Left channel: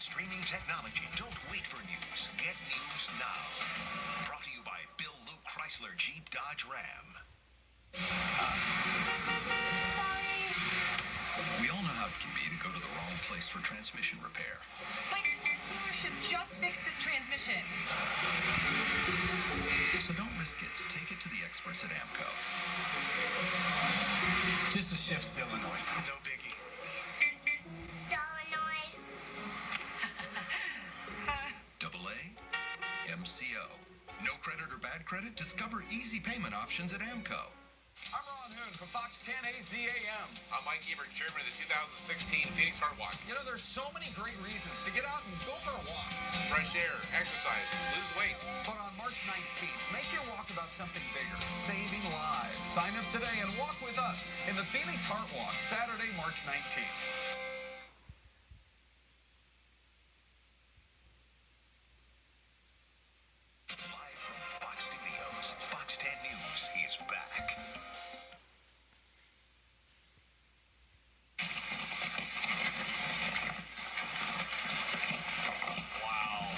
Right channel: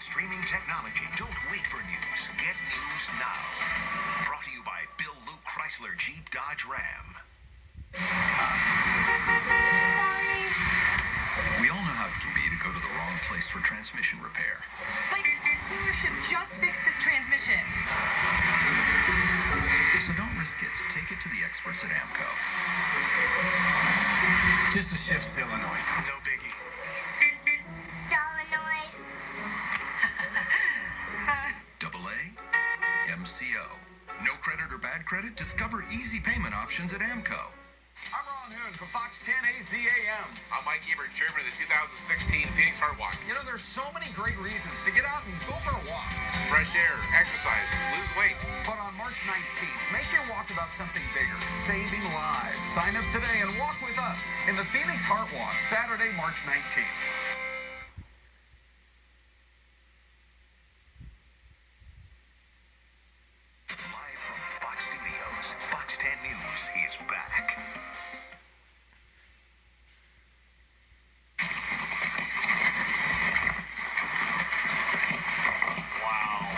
Streaming technology. Don't wait for news. Get news now. Brought to you by Bill Luke Chrysler Jeep Dodge Ram. We all know how it can be to go to the wrong place for transmission repair. My dealership just fixed this transmission. So don't risk it. Take it to the experts at AMCO. Just a shift solenoid. No biggie. Solenoid. AA, MCO. No credit or bad credit? Discover easy payment options at AMCO. I'm Ron Hoon from Fox 10 AZAM. I'm Mike Ebert, chairman of the 2016 Phoenix Heart Walk. You know, there's so many great reasons to get out and go for a walk. Fresh air, exercise, lose weight. But on March 19th, make your walk about something bigger, saving lives. Sign up today and walk with us in the Phoenix Heart Walk, Saturday, March 19th. Live from Fox Studios, Fox 10 News is back. Wow.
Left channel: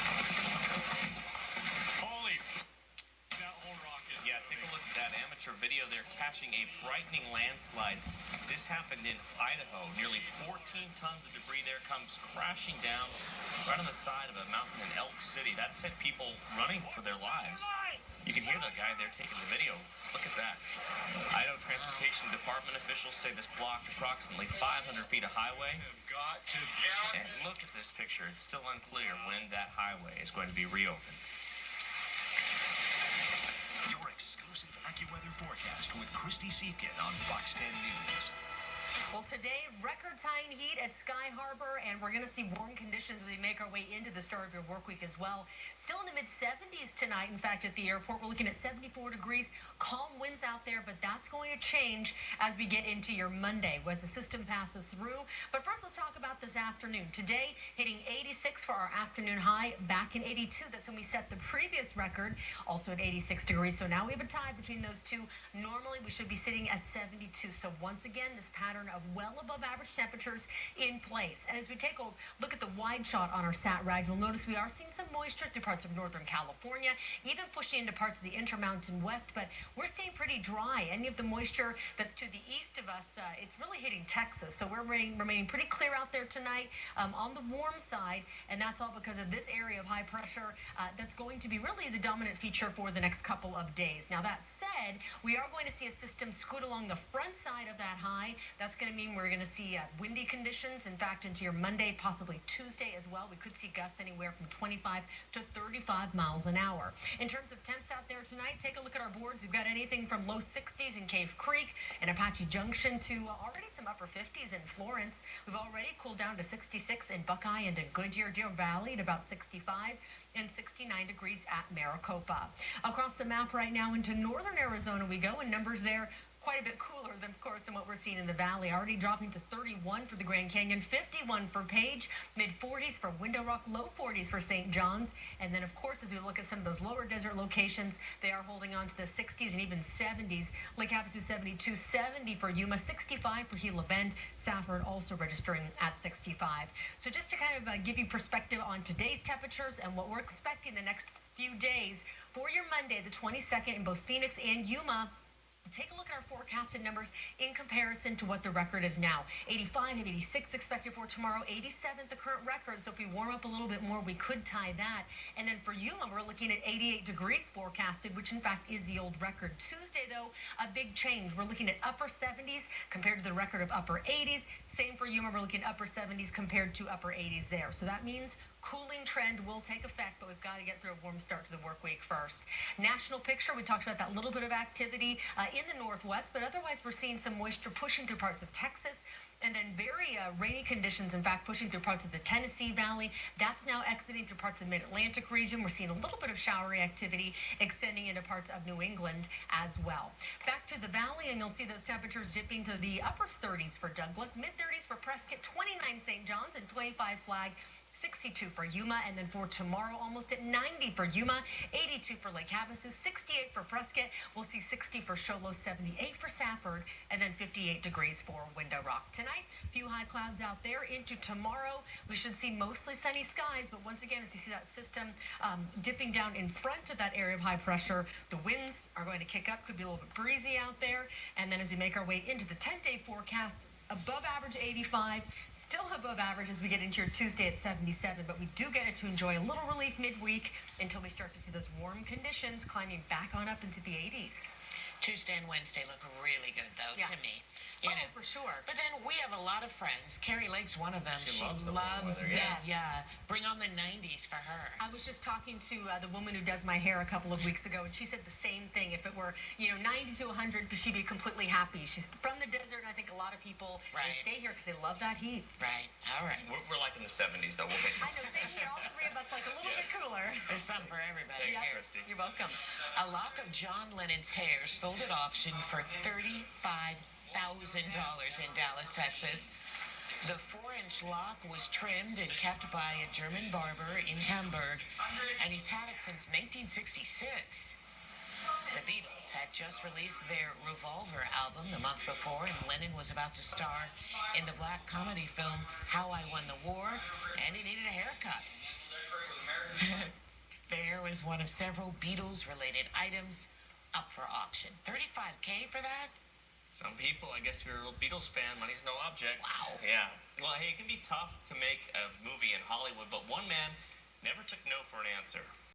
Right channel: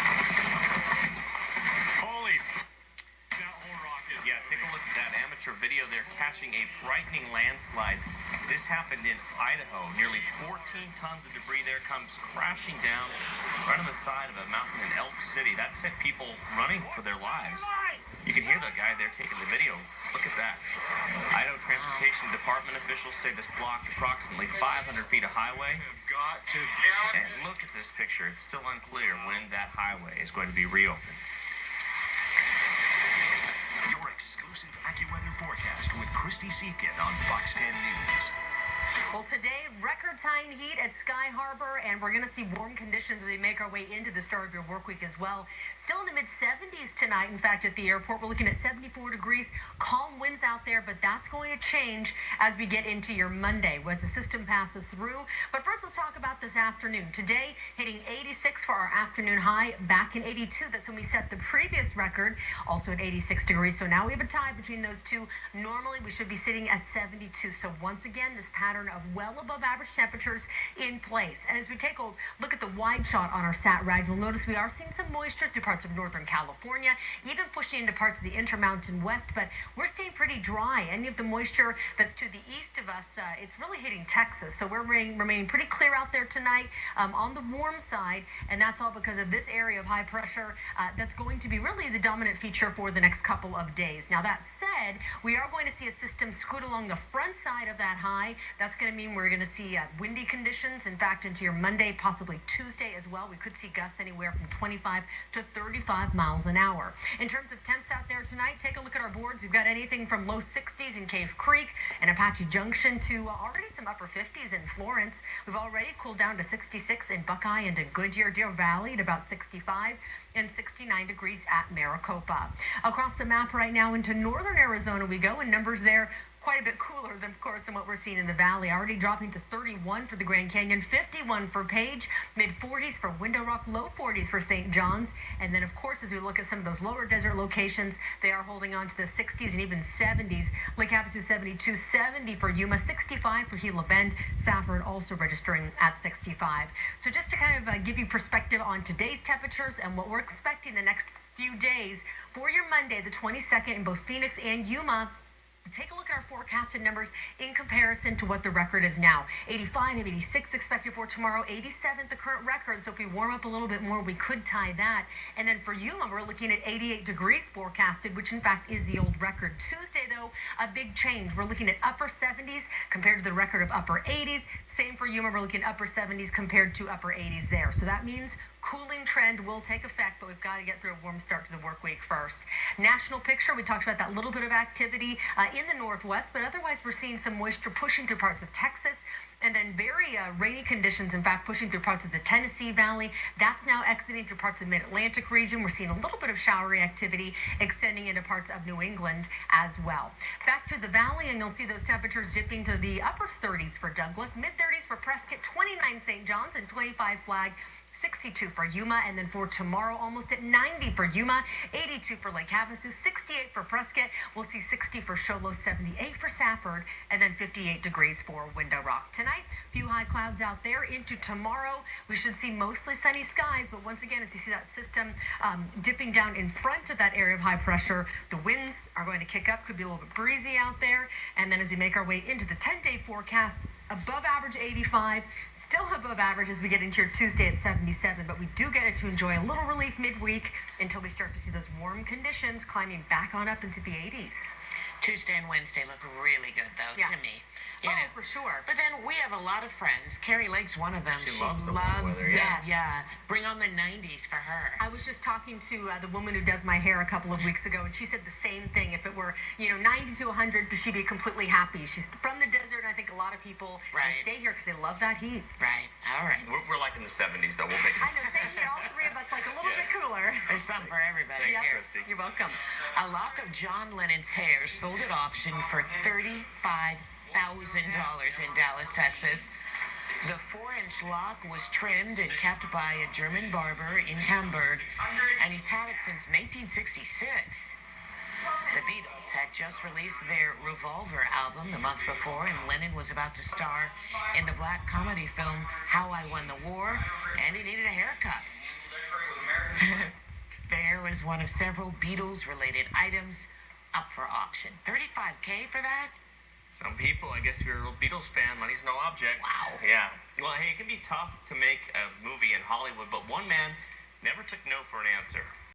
Holy. That whole rock is... Yeah, take a look at that amateur video there catching a frightening landslide. This happened in Idaho. Nearly 14 tons of debris there comes crashing down right on the side of a mountain in Elk City. That sent people running for their lives. You can hear the guy there taking the video. Look at that. Idaho Transportation Department officials say this blocked approximately 500 feet of highway. And look at this picture. It's still unclear when that highway is going to be reopened. Your exclusive AccuWeather forecast with Christy Seekin on Fox 10 News. Well, today, record-tying heat at Sky Harbor, and we're going to see warm conditions as we make our way into the start of your work week as well. Still in the mid-70s tonight, in fact, at the airport. We're looking at 74 degrees, calm winds out there, but that's going to change as we get into your Monday as the system passes through. But first, let's talk about this afternoon. Today, hitting 86 for our afternoon high, back in 82. That's when we set the previous record, also at 86 degrees. So now we have a tie between those two. Normally, we should be sitting at 72. So once again, this pattern of well above average temperatures in place. And as we take a look at the wide shot on our sat rag, you'll notice we are seeing some moisture through parts of northern California, even pushing into parts of the Intermountain West, but we're staying pretty dry. Any of the moisture that's to the east of us, it's really hitting Texas. So we're remaining pretty clear out there tonight on the warm side, and that's all because of this area of high pressure that's going to be really the dominant feature for the next couple of days. Now, that said, we are going to see a system scoot along the front side of that high. That's going to mean we're going to see windy conditions, in fact, into your Monday, possibly Tuesday as well. We could see gusts anywhere from 25 to 35 miles an hour. In terms of temps out there tonight, take a look at our boards. We've got anything from low 60s in Cave Creek and Apache Junction to already some upper 50s in Florence. We've already cooled down to 66 in Buckeye and in Goodyear, Deer Valley at about 65 and 69 degrees at Maricopa. Across the map right now into northern Arizona we go, and numbers there quite a bit cooler than, of course, than what we're seeing in the valley. Already dropping to 31 for the Grand Canyon, 51 for Page, mid-40s for Window Rock, low 40s for St. John's. And then, of course, as we look at some of those lower desert locations, they are holding on to the 60s and even 70s. Lake Havasu 72, 70 for Yuma, 65 for Gila Bend. Safford also registering at 65. So just to kind of give you perspective on today's temperatures and what we're expecting the next few days for your Monday, the 22nd, in both Phoenix and Yuma. Take a look at our forecasted numbers in comparison to what the record is now. 85 and 86 expected for tomorrow, 87 the current record. So if we warm up a little bit more, we could tie that. And then for Yuma, we're looking at 88 degrees forecasted, which in fact is the old record. Tuesday, though, a big change. We're looking at upper 70s compared to the record of upper 80s. Same for Yuma, we're looking at upper 70s compared to upper 80s there. So that means cooling trend will take effect, but we've got to get through a warm start to the work week first. National picture, we talked about that little bit of activity in the northwest, but otherwise we're seeing some moisture pushing through parts of Texas. And then very rainy conditions, in fact, pushing through parts of the Tennessee Valley. That's now exiting through parts of the Mid-Atlantic region. We're seeing a little bit of showery activity extending into parts of New England as well. Back to the valley, and you'll see those temperatures dipping to the upper 30s for Douglas, mid-30s for Prescott, 29 St. John's, and 25 Flag. 62 for Yuma, and then for tomorrow, almost at 90 for Yuma, 82 for Lake Havasu, 68 for Prescott. We'll see 60 for Show Low, 78 for Safford, and then 58 degrees for Window Rock. Tonight, few high clouds out there. Into tomorrow, we should see mostly sunny skies, but once again, as you see that system dipping down in front of that area of high pressure, the winds are going to kick up. Could be a little bit breezy out there. And then as we make our way into the 10-day forecast, above average 85, still above average as we get into your Tuesday at 77, but we do get it to enjoy a little relief midweek until we start to see those warm conditions climbing back on up into the 80s. Tuesday and Wednesday look really good, though, to me. You know. For sure. But then we have a lot of friends. Carrie Lake's one of them. She loves the warm weather, yes. Yeah. Bring on the 90s for her. I was just talking to the woman who does my hair a couple of weeks ago, and she said the same thing. If it were, 90 to 100, she'd be completely happy. She's from the desert, and I think a lot of people they stay here because they love that heat. Right. All right. We're like in the 70s, though. We'll make I know, same here. All three of us like a little bit cooler. There's something for everybody Thanks, here. Christy. You're welcome. A lock of John Lennon's hair sold at auction for $35,000 in Dallas, Texas. The 4-inch lock was trimmed and kept by a German barber in Hamburg, and he's had it since 1966. The Beatles had just released their Revolver album the month before, and Lennon was about to star in the black comedy film How I Won the War, and he needed a haircut. There was one of several Beatles-related items up for auction. $35K for that? Some people, I guess if you're a little Beatles fan, money's no object. Wow. Yeah. Well, hey, it can be tough to make a movie in Hollywood, but one man never took no for an answer.